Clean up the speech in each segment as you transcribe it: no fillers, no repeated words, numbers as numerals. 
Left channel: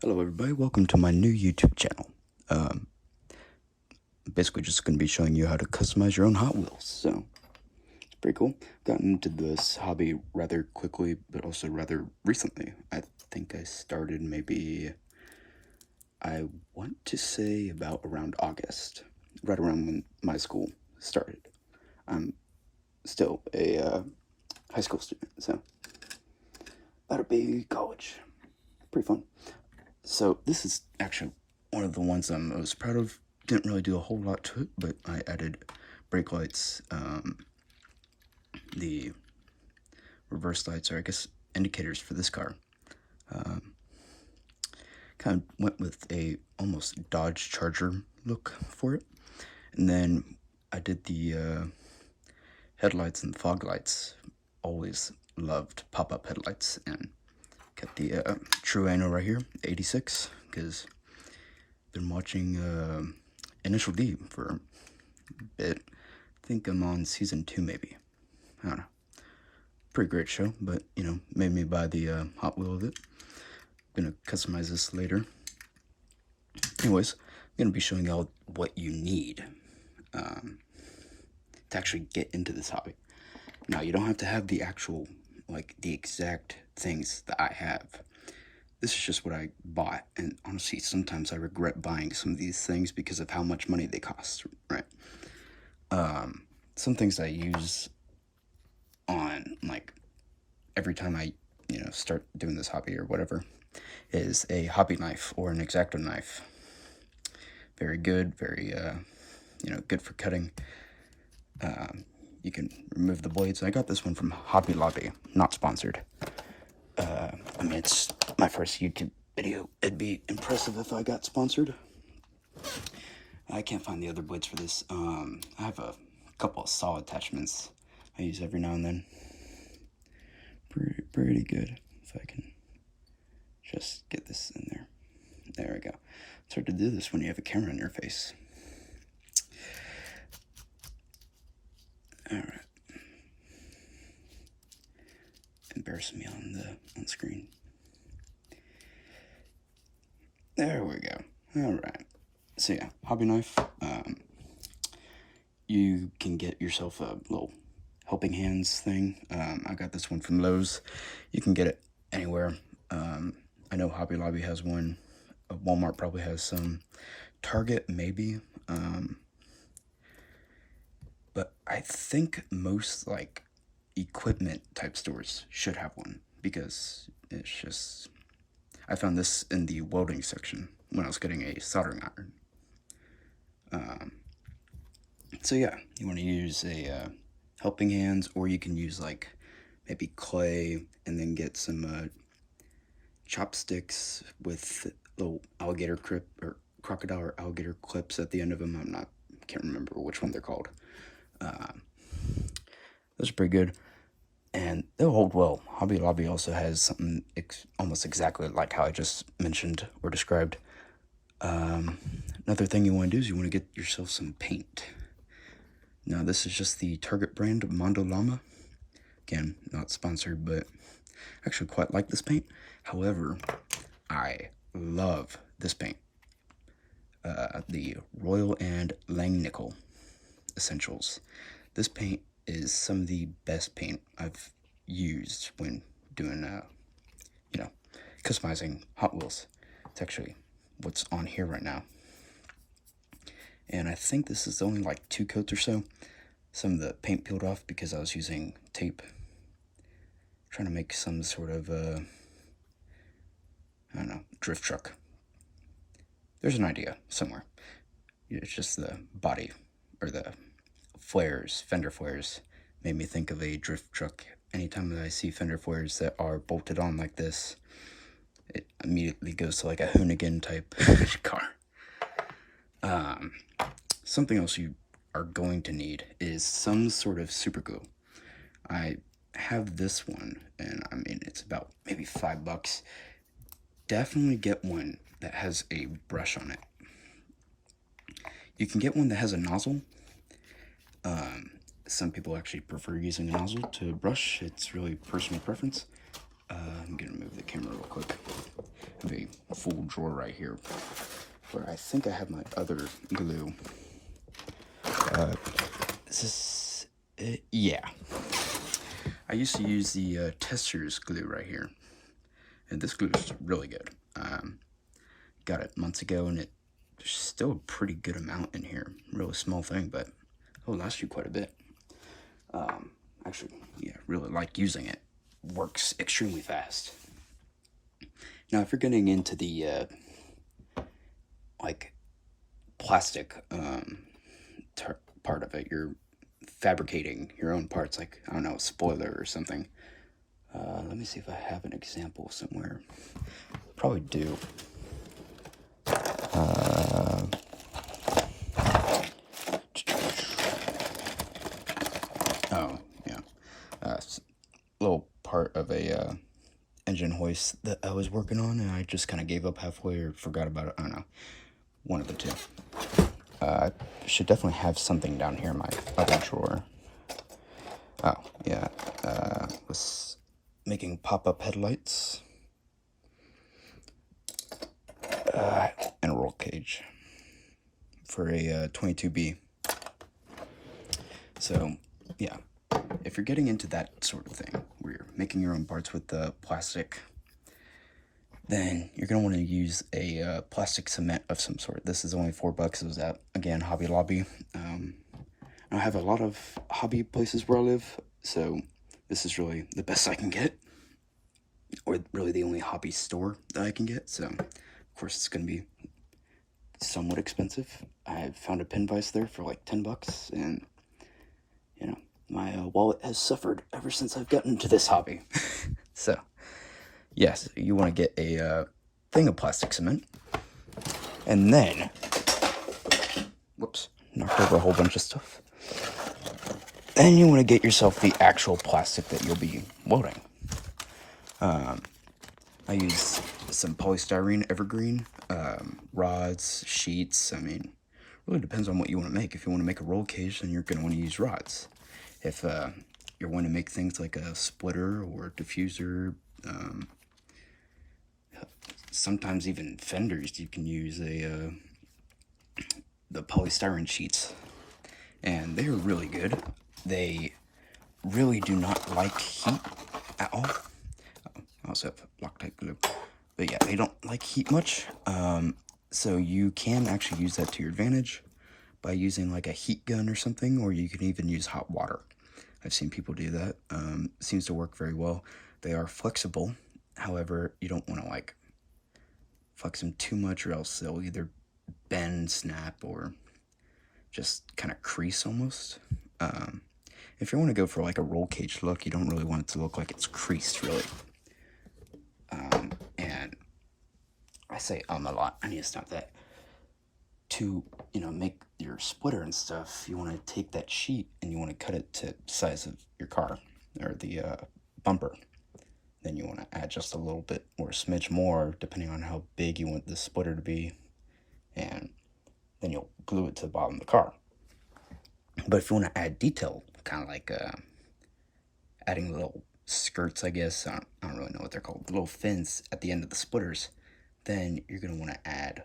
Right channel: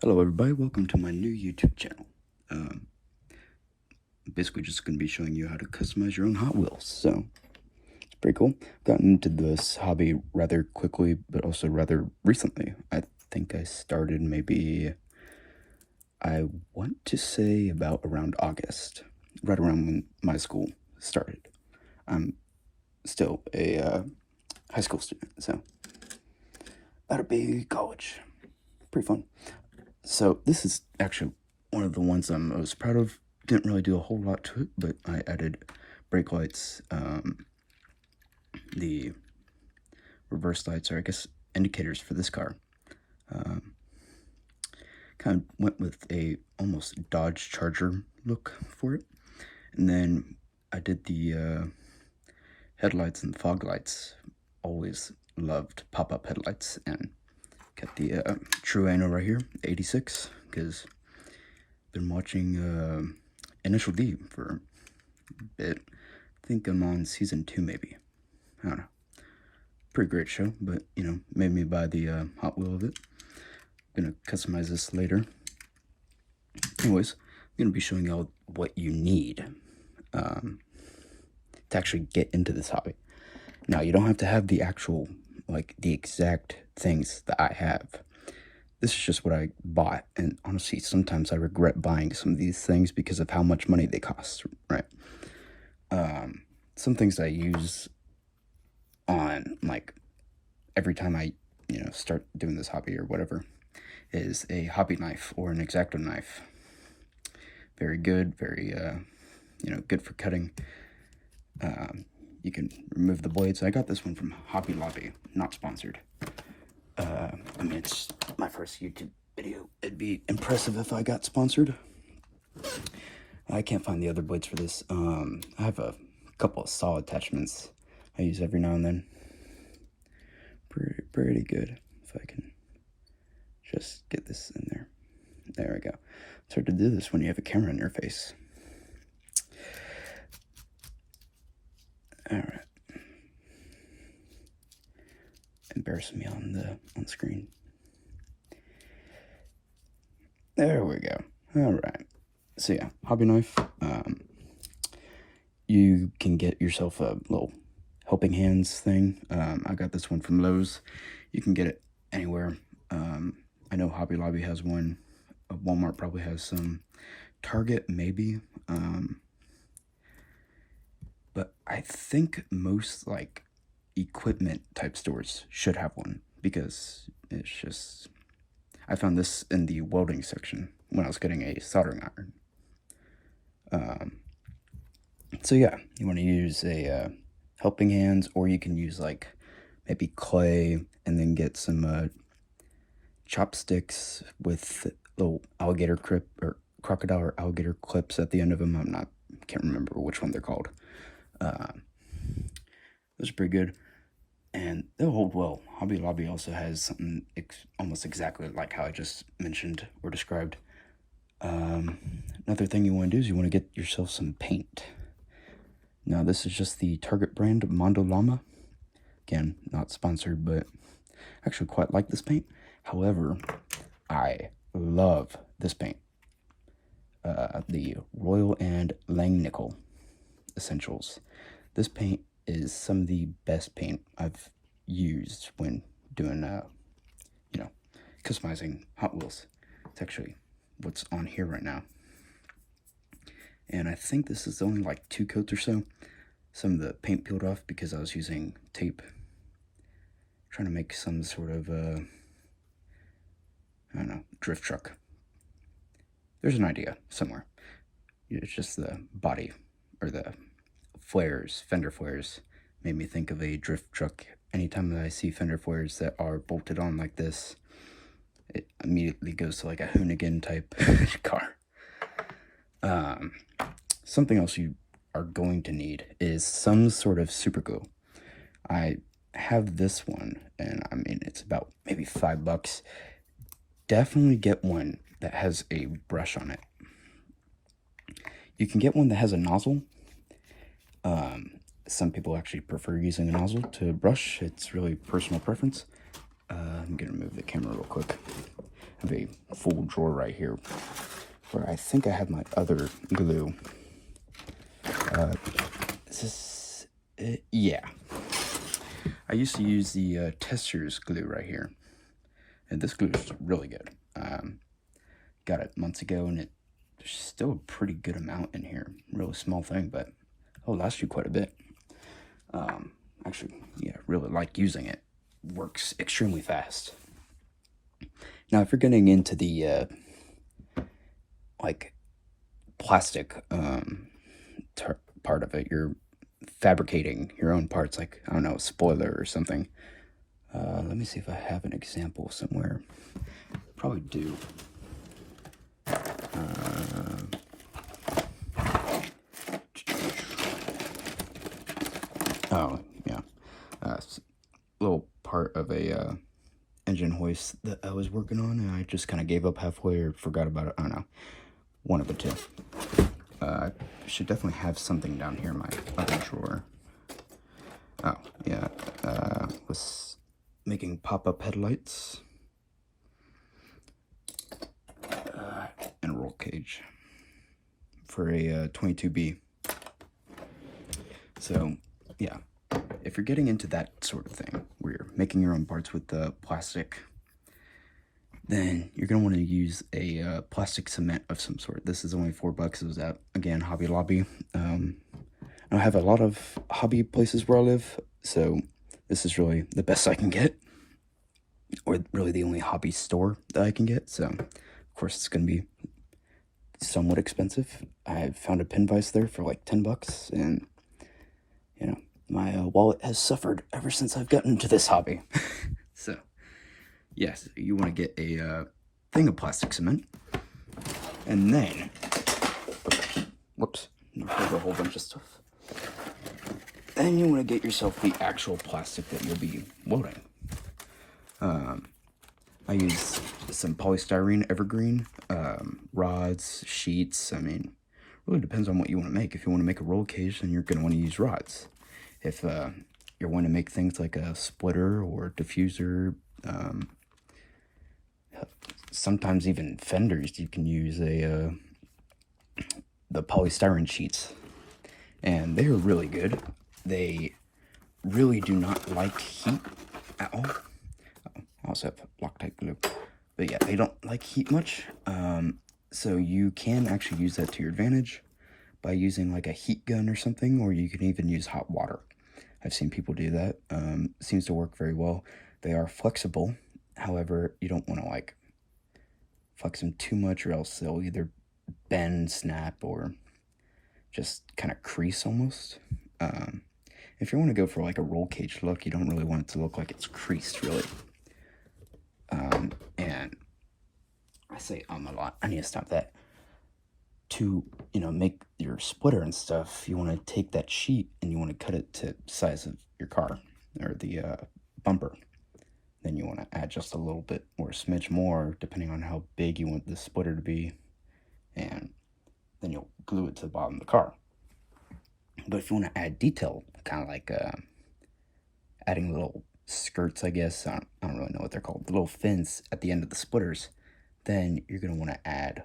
Hello everybody, welcome to my new YouTube channel. Basically just going to be showing you how to customize your own Hot Wheels, so it's pretty cool. Gotten into this hobby rather quickly, but also rather recently. I think I started maybe, I want to say about around August, right around when my school started. I'm still a high school student, so about to be college. Pretty fun. So this is actually one of the ones I'm most proud of. Didn't really do a whole lot to it, but I added brake lights, the reverse lights, or I guess indicators for this car. Kind of went with a almost Dodge Charger look for it. And then I did the headlights and fog lights. Always loved pop-up headlights, and got the True Ano right here, 86, because been watching Initial D for a bit. I think I'm on season 2 maybe. I don't know. Pretty great show, but you know, made me buy the Hot Wheel of it. Gonna customize this later. Anyways, I'm gonna be showing y'all what you need to actually get into this hobby. Now, you don't have to have the actual, like, the exact things that I have. This is just what I bought, and honestly, sometimes I regret buying some of these things because of how much money they cost, right? Some things I use on, like, every time I, start doing this hobby or whatever, is a hobby knife or an Exacto knife. Very good, very, good for cutting. You can remove the blades. I got this one from Hobby Lobby, not sponsored. I mean, it's my first YouTube video. It'd be impressive if I got sponsored. I can't find the other blades for this. I have a couple of saw attachments I use every now and then. Pretty good. If I can just get this in there. There we go. It's hard to do this when you have a camera in your face. All right. Embarrassing me on the screen. There we go. All right. So yeah, hobby knife. You can get yourself a little helping hands thing. I got this one from Lowe's. You can get it anywhere. I know Hobby Lobby has one. Walmart probably has some. Target maybe. But I think most like equipment type stores should have one, because it's just, I found this in the welding section when I was getting a soldering iron. So yeah, you want to use a helping hands, or you can use like maybe clay and then get some chopsticks with little alligator clip or crocodile or alligator clips at the end of them. Can't remember which one they're called. Those are pretty good, and they'll hold well. Hobby Lobby also has something almost exactly like how I just mentioned or described. Another thing you want to do is you want to get yourself some paint. Now, this is just the Target brand Mondo Llama. Again, not sponsored, but I actually quite like this paint. However, I love this paint. The Royal and Langnickel Essentials. This paint is some of the best paint I've used when doing, customizing Hot Wheels. It's actually what's on here right now. And I think this is only like 2 coats or so. Some of the paint peeled off because I was using tape. Trying to make some sort of, I don't know, drift truck. There's an idea somewhere. It's just the body, or the flares, fender flares, made me think of a drift truck. Anytime that I see fender flares that are bolted on like this, it immediately goes to like a Hoonigan type car. Something else you are going to need is some sort of super glue. I have this one, and I mean, it's about maybe $5. Definitely get one that has a brush on it. You can get one that has a nozzle. Some people actually prefer using a nozzle to brush. It's really personal preference. I'm gonna move the camera real quick. I have a full drawer right here where I think I have my other glue. Is this it? Yeah. I used to use the Tester's glue right here. And this glue is really good. Got it months ago, and there's still a pretty good amount in here. Really small thing, but it'll last you quite a bit. Actually, yeah, really like using it. Works extremely fast. Now, if you're getting into the like plastic part of it, you're fabricating your own parts, like, I don't know, a spoiler or something. Let me see if I have an example somewhere. Probably do. Oh, yeah. Little part of a engine hoist that I was working on, and I just kind of gave up halfway or forgot about it. I don't know. One of the two. I should definitely have something down here in my other drawer. Oh, yeah. Was making pop-up headlights. And a roll cage for a 22B. So, yeah. If you're getting into that sort of thing, where you're making your own parts with the plastic, then you're going to want to use a plastic cement of some sort. This is only $4. It was at, again, Hobby Lobby. I have a lot of hobby places where I live, so this is really the best I can get. Or really the only hobby store that I can get, so of course it's going to be somewhat expensive. I found a pin vise there for like $10, and you know, my wallet has suffered ever since I've gotten into this hobby. So, yes, you want to get a thing of plastic cement, and then, whoops, knocked over a whole bunch of stuff. Then you want to get yourself the actual plastic that you'll be welding. I use some polystyrene evergreen, rods, sheets. I mean, really depends on what you want to make. If you want to make a roll cage, then you're going to want to use rods. If you're wanting to make things like a splitter or diffuser, sometimes even fenders, you can use the polystyrene sheets. And they are really good. They really do not like heat at all. I also have Loctite glue. But yeah, they don't like heat much. So you can actually use that to your advantage by using like a heat gun or something, or you can even use hot water. I've seen people do that. Seems to work very well. They are flexible. However, you don't want to like flex them too much, or else they'll either bend, snap, or just kind of crease almost. If you want to go for like a roll cage look, you don't really want it to look like it's creased, really. And I say a lot. I need to stop that. To, you know, make your splitter and stuff, you want to take that sheet and you want to cut it to the size of your car or the bumper. Then you want to add just a little bit or a smidge more, depending on how big you want the splitter to be, and then you'll glue it to the bottom of the car. But if you want to add detail, kind of like adding little skirts, I guess, I don't really know what they're called, the little fins at the end of the splitters, then you're going to want to add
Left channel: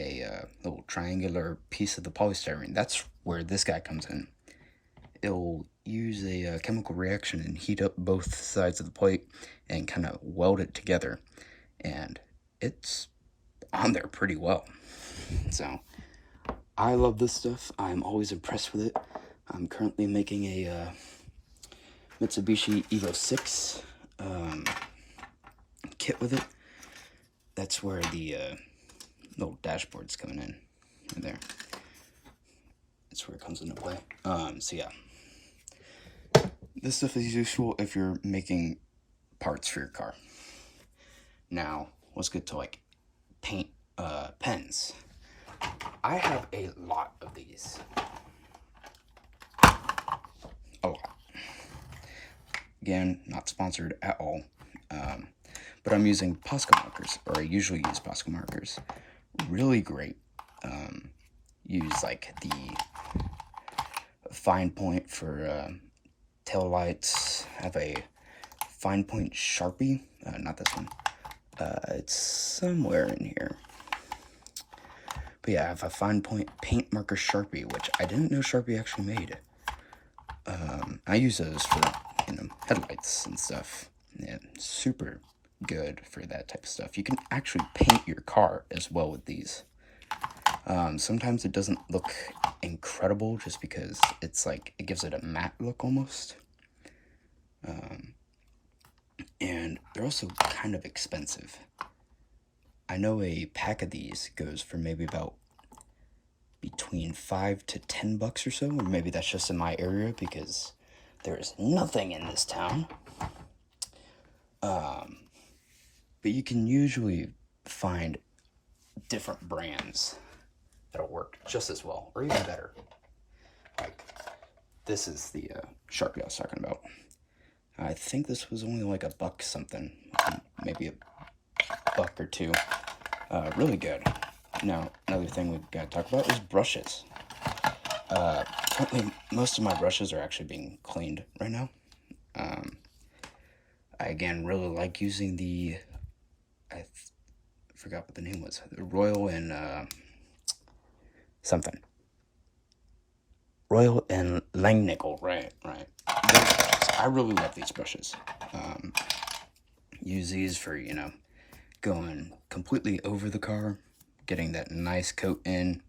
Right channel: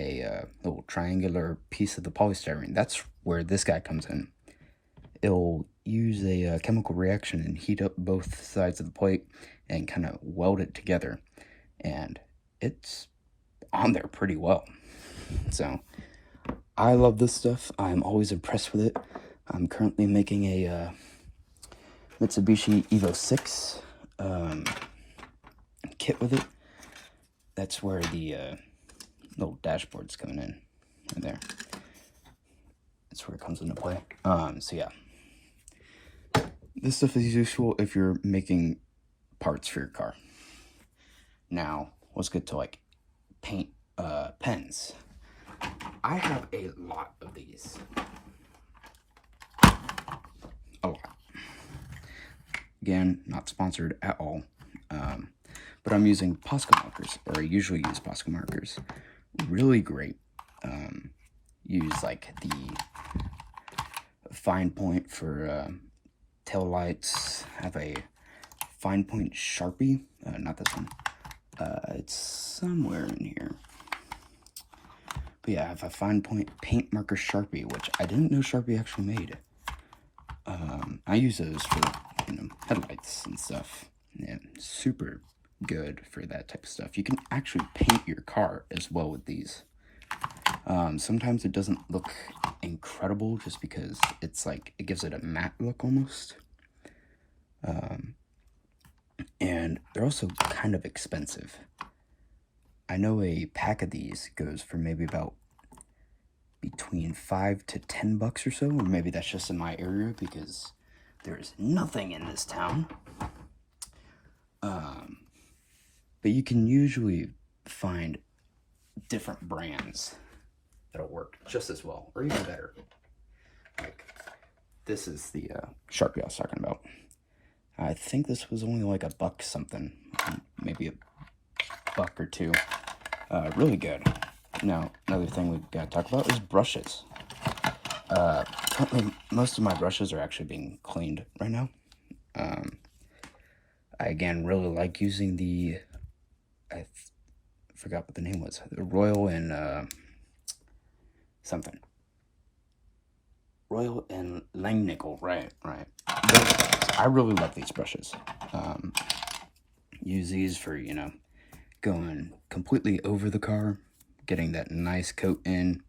a little triangular piece of the polystyrene. That's where this guy comes in. It'll use a chemical reaction and heat up both sides of the plate and kind of weld it together. And it's on there pretty well. So I love this stuff. I'm always impressed with it. I'm currently making a Mitsubishi Evo 6 kit with it. That's where the little dashboard's coming in right there. That's where it comes into play. So yeah, this stuff is useful if you're making parts for your car. Now let's get to like paint pens. I have a lot of these. A lot. Again, not sponsored at all. But I'm using Posca markers, or I usually use Posca markers. Really great. Use like the fine point for tail lights. Have a fine point Sharpie, not this one, It's somewhere in here. But yeah, I have a fine point paint marker Sharpie, which I didn't know Sharpie actually made. I use those for, headlights and stuff. Yeah, super good for that type of stuff. You can actually paint your car as well with these. Sometimes it doesn't look incredible just because it's like, it gives it a matte look almost. And they're also kind of expensive. I know a pack of these goes for maybe about between $5 to $10 or so, or maybe that's just in my area because there is nothing in this town. But you can usually find different brands that'll work just as well, or even better. Like, this is the Sharpie I was talking about. I think this was only like $1 something, maybe $1 or $2. Really good. Now, another thing we gotta talk about is brushes. Currently, most of my brushes are actually being cleaned right now. I again really like using the, I forgot what the name was, the Royal and something. Royal and Langnickel, right. I really love these brushes. Use these for, going completely over the car, getting that nice coat in,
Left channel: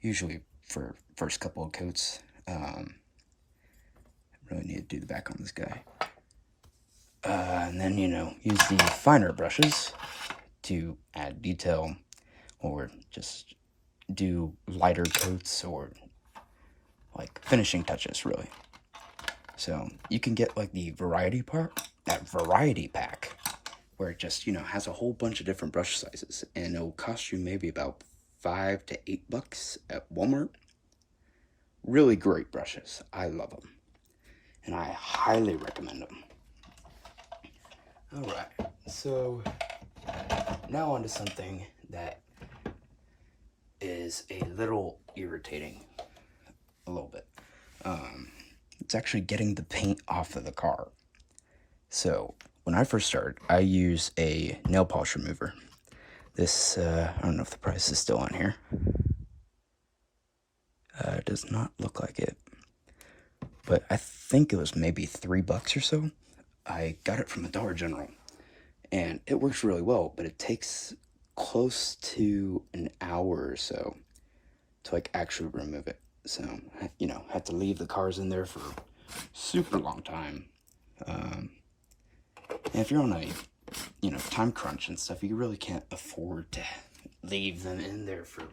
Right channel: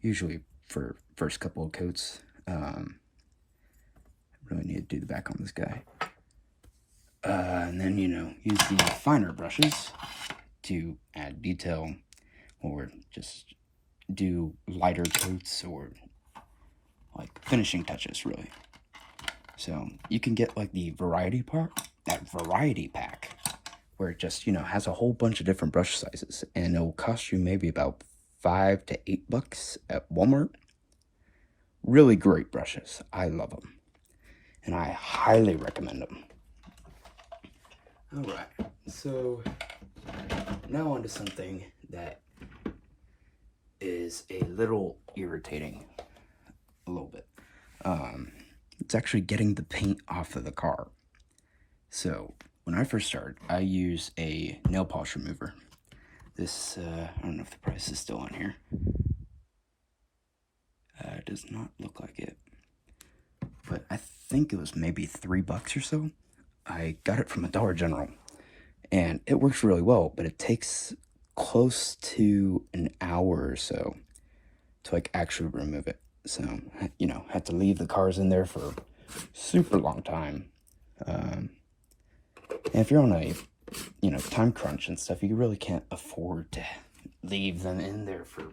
usually for first couple of coats. I really need to do the back on this guy. And then, use the finer brushes to add detail or just do lighter coats or like finishing touches, really. So you can get like the variety pack, where it just, has a whole bunch of different brush sizes, and it'll cost you maybe about $5 to $8 at Walmart. Really great brushes. I love them, and I highly recommend them. All right, so now on to something that is a little irritating, a little bit. It's actually getting the paint off of the car. So when I first started, I use a nail polish remover. This, I don't know if the price is still on here. It does not look like it, but I think it was maybe $3 or so. I got it from a Dollar General, and it works really well, but it takes close to an hour or so to like actually remove it. So, have to leave the cars in there for a super long time. And if you're on a, time crunch and stuff, you really can't afford to leave them in there for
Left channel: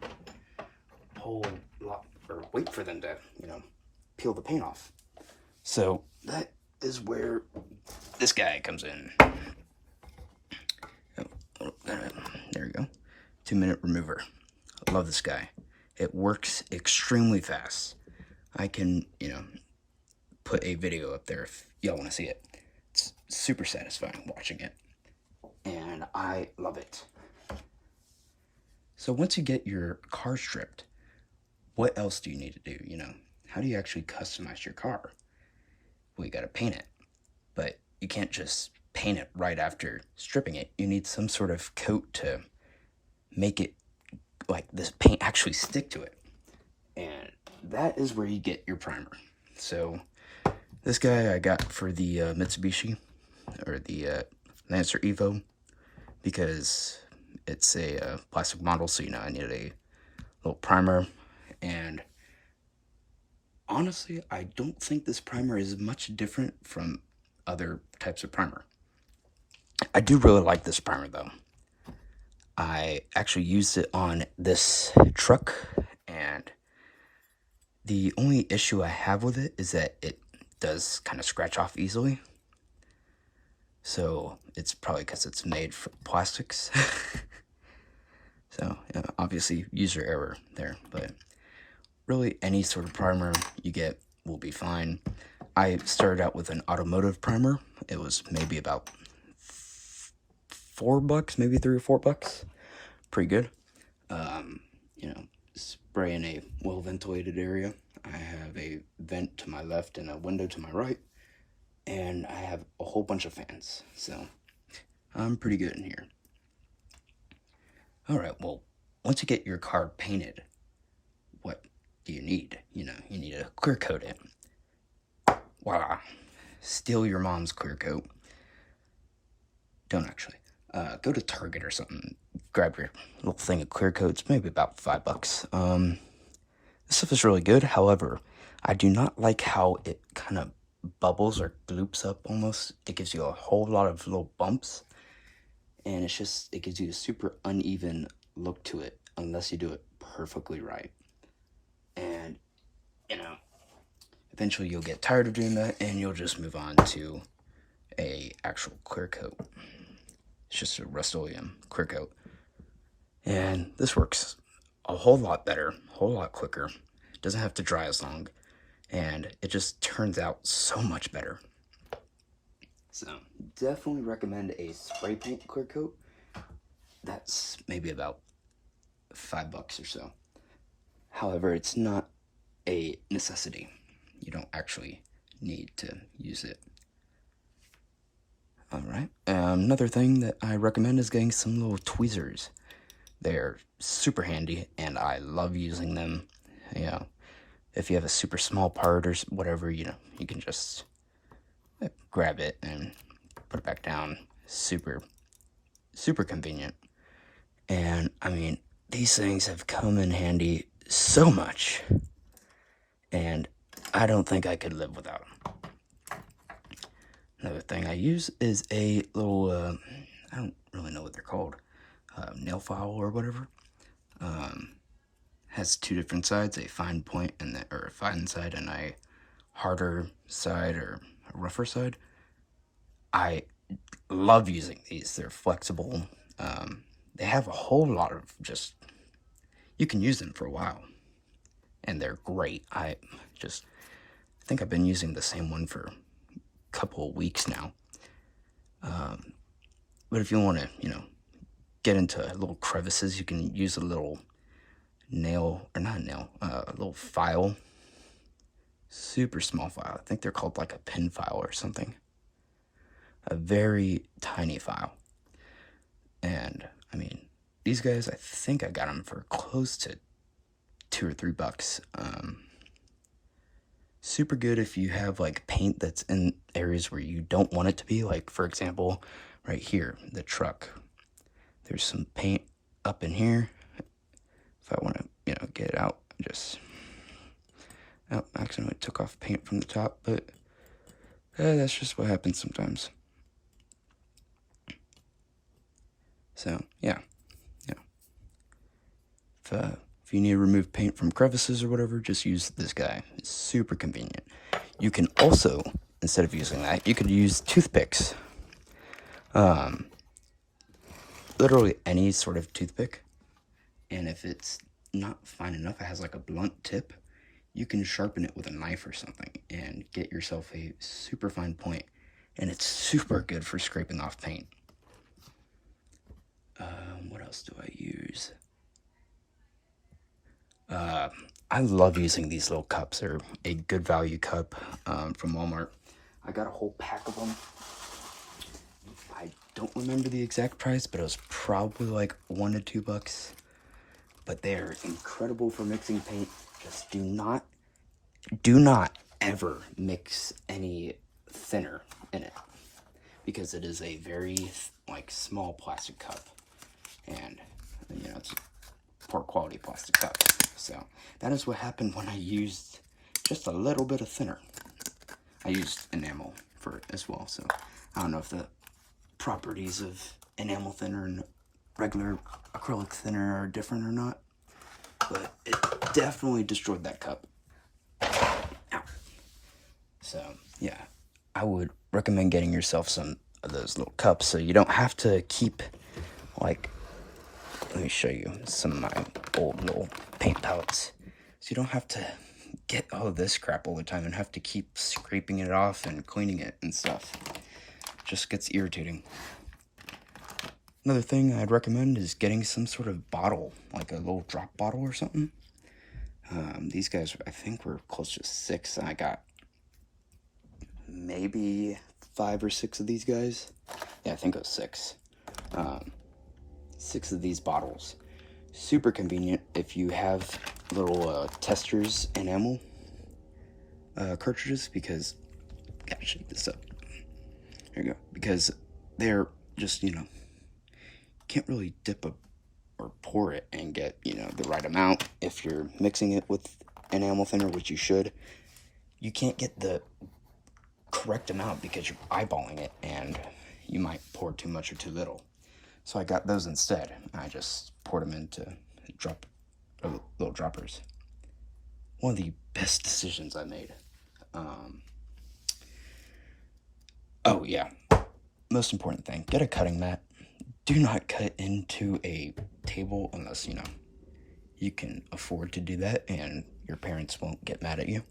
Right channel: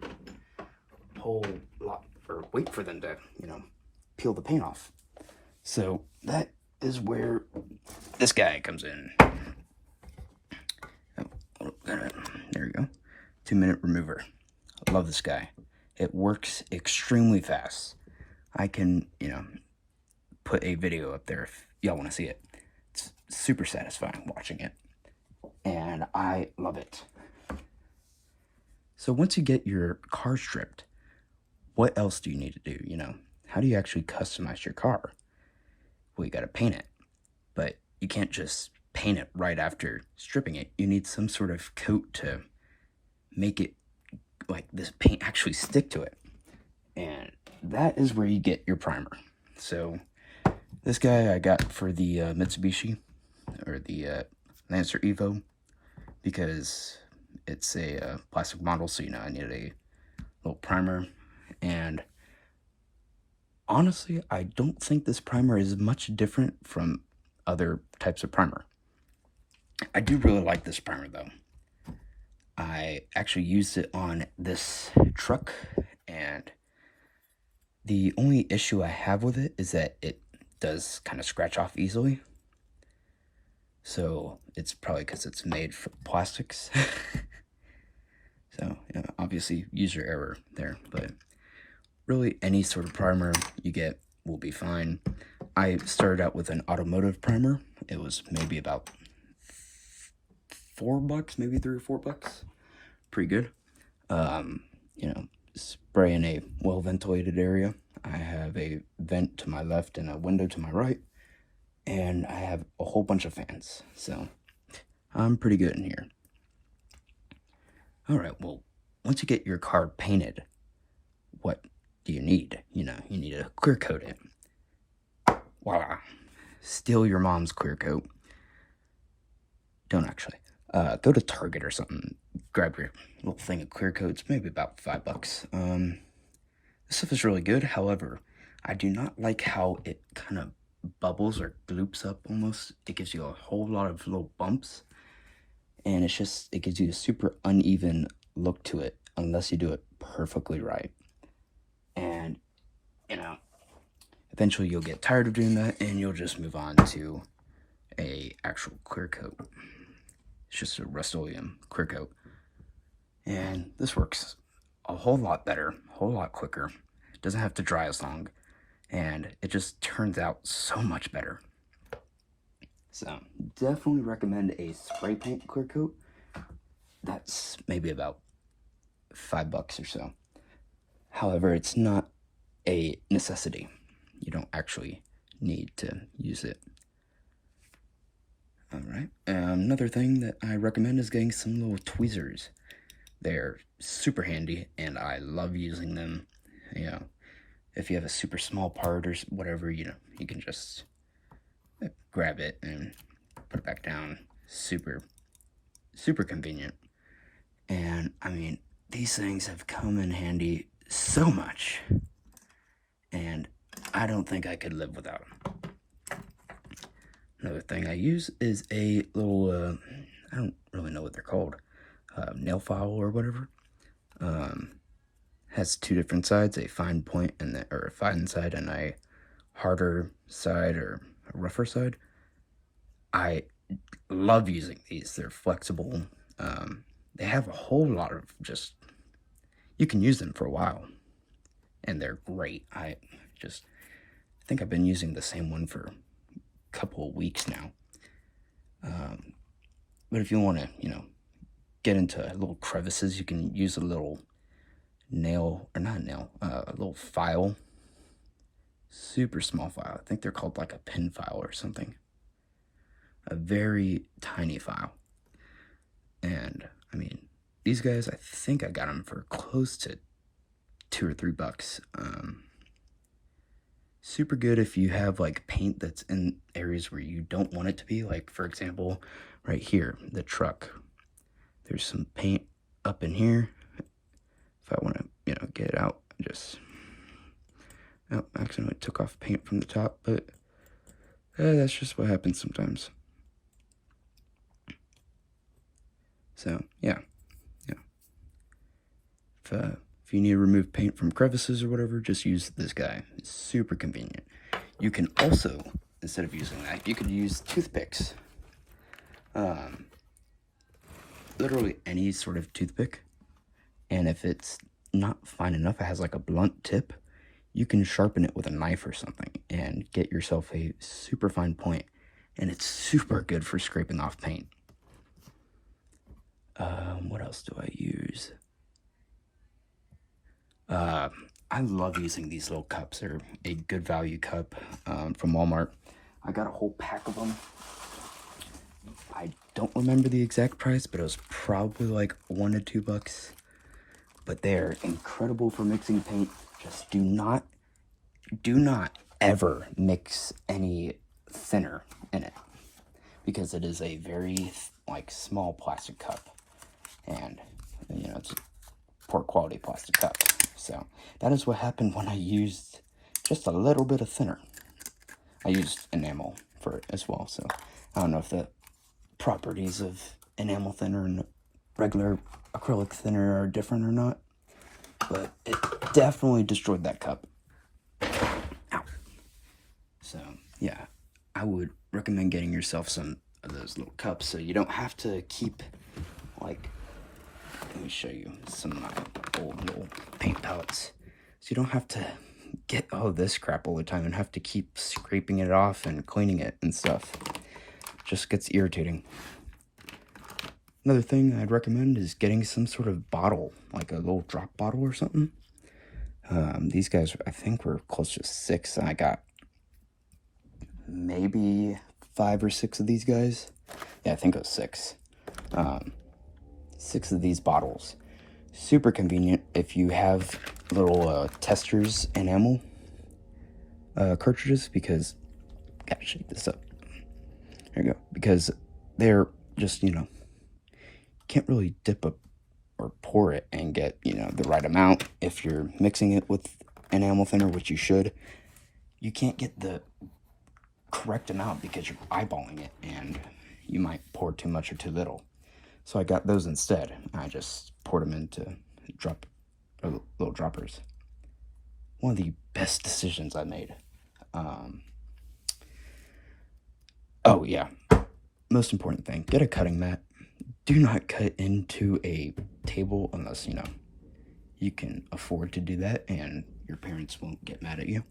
a whole lot, or wait for them to, peel the paint off. So that is where this guy comes in. There we go. 2-minute remover. I love this guy. It works extremely fast. I can, put a video up there if y'all want to see it. It's super satisfying watching it, and I love it. So once you get your car stripped, what else do you need to do? How do you actually customize your car? Well, you got to paint it, but you can't just paint it right after stripping it. You need some sort of coat to make it like this paint actually stick to it, and that is where you get your primer. So this guy I got for the Mitsubishi, or the Lancer Evo, because it's a plastic model, so I needed a little primer. And honestly, I don't think this primer is much different from other types of primer. I do really like this primer though. I actually used it on this truck, and the only issue I have with it is that it does kind of scratch off easily. So it's probably because it's made from plastics. So obviously user error there, but really any sort of primer you get will be fine. I started out with an automotive primer. It was maybe about $4, maybe $3 or $4. Pretty good. Spray in a well-ventilated area. I have a vent to my left and a window to my right, and I have a whole bunch of fans, so I'm pretty good in here. Alright, well, once you get your car painted, what do you need? You need to clear coat it. Voila. Steal your mom's clear coat. Don't actually. Go to Target or something. Grab your little thing of clear coats, maybe about $5. This stuff is really good. However, I do not like how it kind of bubbles or gloops up almost. It gives you a whole lot of little bumps. And it gives you a super uneven look to it unless you do it perfectly right. And, eventually you'll get tired of doing that and you'll just move on to a actual clear coat. It's just a Rust-Oleum clear coat. And this works a whole lot better, a whole lot quicker. It doesn't have to dry as long. And it just turns out so much better. So, definitely recommend a spray paint clear coat. That's maybe about $5 or so. However, it's not a necessity. You don't actually need to use it. Alright, another thing that I recommend is getting some little tweezers. They're super handy, and I love using them. If you have a super small part or whatever, you can just grab it and put it back down. Super, super convenient. And, these things have come in handy so much, and I don't think I could live without them. Another thing I use is a little, I don't really know what they're called, nail file or whatever. Has two different sides, a fine point or a fine side and a harder side or a rougher side. I love using these. They're flexible. They have a whole lot of you can use them for a while, and they're great. I think I've been using the same one for a couple of weeks now. But if you want to, get into little crevices, you can use a little a little file. Super small file. I think they're called like a pin file or something. A very tiny file. And, these guys, I think I got them for close to $2 or $3. Super good if you have like paint that's in areas where you don't want it to be. Like, for example, right here, the truck. There's some paint up in here. If I want to, get it out, accidentally took off paint from the top, but that's just what happens sometimes. So, yeah. If you need to remove paint from crevices or whatever, just use this guy. It's super convenient. You can also, instead of using that, you could use toothpicks. Literally any sort of toothpick. And if it's not fine enough, it has like a blunt tip, you can sharpen it with a knife or something and get yourself a super fine point. And it's super good for scraping off paint. What else do I use? I love using these little cups. They're a good value cup from Walmart. I got a whole pack of them. I don't remember the exact price, but it was probably like $1 to $2. But they're incredible for mixing paint. Just do not ever mix any thinner in it, because it is a very small plastic cup, and it's a poor quality plastic cup. So that is what happened when I used just a little bit of thinner. I used enamel for it as well, so I don't know if the properties of enamel thinner and regular acrylic thinner are different or not, but it definitely destroyed that cup. Ow. So yeah, I would recommend getting yourself some of those little cups so you don't have to keep let me show you some of my old little paint palettes. So you don't have to get all this crap all the time and have to keep scraping it off and cleaning it and stuff. Just gets irritating. Another thing I'd recommend is getting some sort of bottle, like a little drop bottle or something. These guys, I think, were close to $6, and I got maybe 5 or 6 of these guys. Yeah, I think it was 6. 6 of these bottles. Super convenient if you have little testers enamel cartridges, because gotta shake this up. There you go. Because they're just, can't really dip up or pour it and get, the right amount. If you're mixing it with enamel thinner, which you should, you can't get the correct amount because you're eyeballing it and you might pour too much or too little. So I got those instead. I just poured them into little droppers. One of the best decisions I made. Oh yeah, most important thing, get a cutting mat. Do not cut into a table unless, you can afford to do that and your parents won't get mad at you.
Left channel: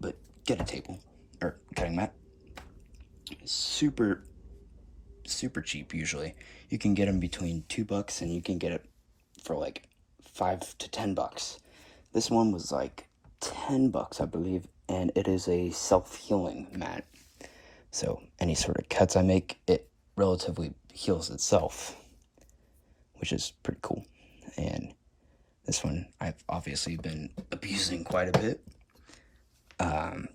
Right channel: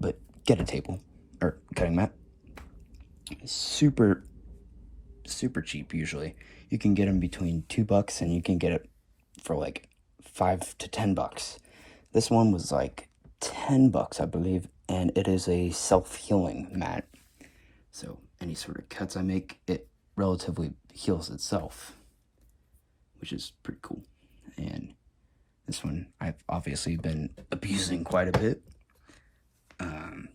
But get a table or cutting mat. Super cheap usually. You can get them between $2 and you can get it for like $5 to $10. This one was like $10, I believe, and it is a self-healing mat. So any sort of cuts I make, it relatively heals itself, which is pretty cool. And this one I've obviously been abusing quite a bit.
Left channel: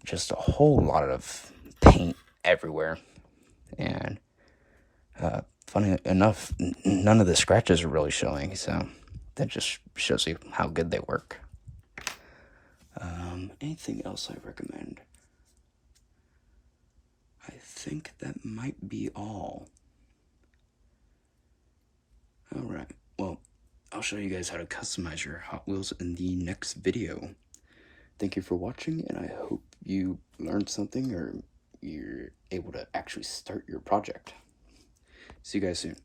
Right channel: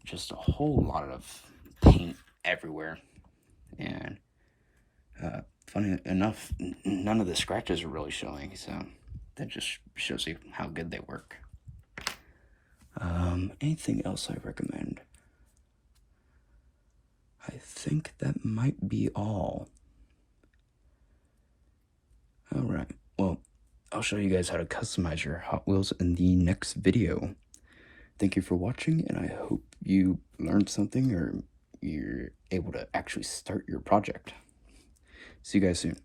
Just a whole lot of paint everywhere. And funny enough, none of the scratches are really showing, so that just shows you how good they work. Anything else I recommend? I think that might be all. Alright, well, I'll show you guys how to customize your Hot Wheels in the next video. Thank you for watching, and I hope you learned something or you're able to actually start your project. See you guys soon.